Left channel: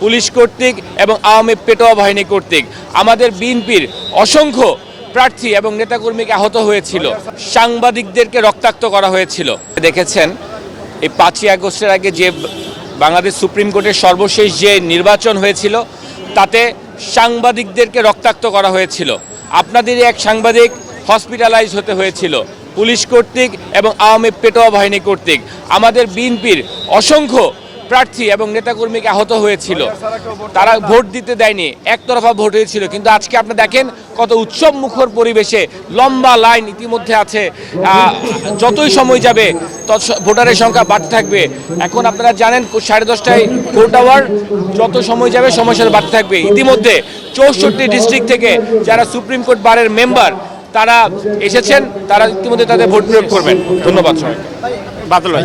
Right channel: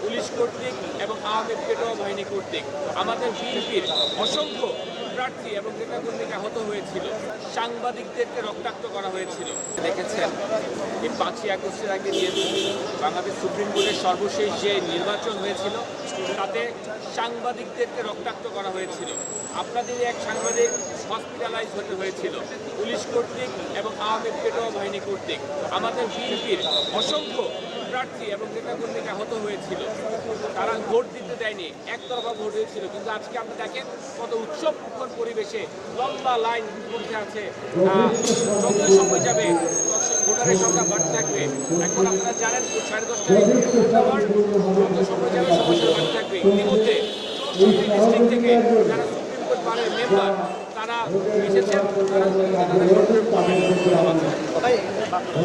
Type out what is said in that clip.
Police কর্তৃক এবং আওয়ামী পেটোয়া বাহিনী কর্তৃক আমাদের বিএনপির অসংখ্য প্রার্থী এবং নেতাকর্মীকে আহত হয়েছিল, সাংবাদিকদেরকে রক্তাক্ত করা হয়েছিল। দেখেছেন এই 5ই আগস্টের আগে যে বাংলাদেশ সুপ্রিম কোর্টের সর্বশেষ যে নির্বাচন হয়েছিল তাতে সাংবাদিকদেরকে রক্তাক্ত করা হয়েছিল। আপনাদেরই এক সাংবাদিক হসপিটালাইজ হতে হয়েছিল পুলিশ কর্তৃক এবং আওয়ামী পেটোয়া বাহিনী কর্তৃক আমাদের বিএনপির অসংখ্য প্রার্থী এবং নেতাকর্মীকে আহত হয়েছিল। তারা ভোট দিতে দেয়নি, একতরফা ভোট হয়েছিল। কিন্তু আজকে আপনি দেখেন কত উৎসব মুখর পরিবেশে লম্বা লাইন ইতিমধ্যে আছে। যতই সময় যাবে তত ভোটারের সংখ্যা বাড়তে থাকবে। এখন আপনারা জানেন 10:30টায় ভোট আওয়ার, যত সময় যাবে সময়ের সাথে বাড়তে থাকবে। ইতিমধ্যে 64 ডিস্ট্রিক্ট থেকে যারা সুপ্রিম কোর্ট বারের মেম্বার তারা এসেছেন, তারা ইতিমধ্যে তাদের ভোট প্রয়োগ করবেন। ধন্যবাদ সবাই। বাদল ভাই।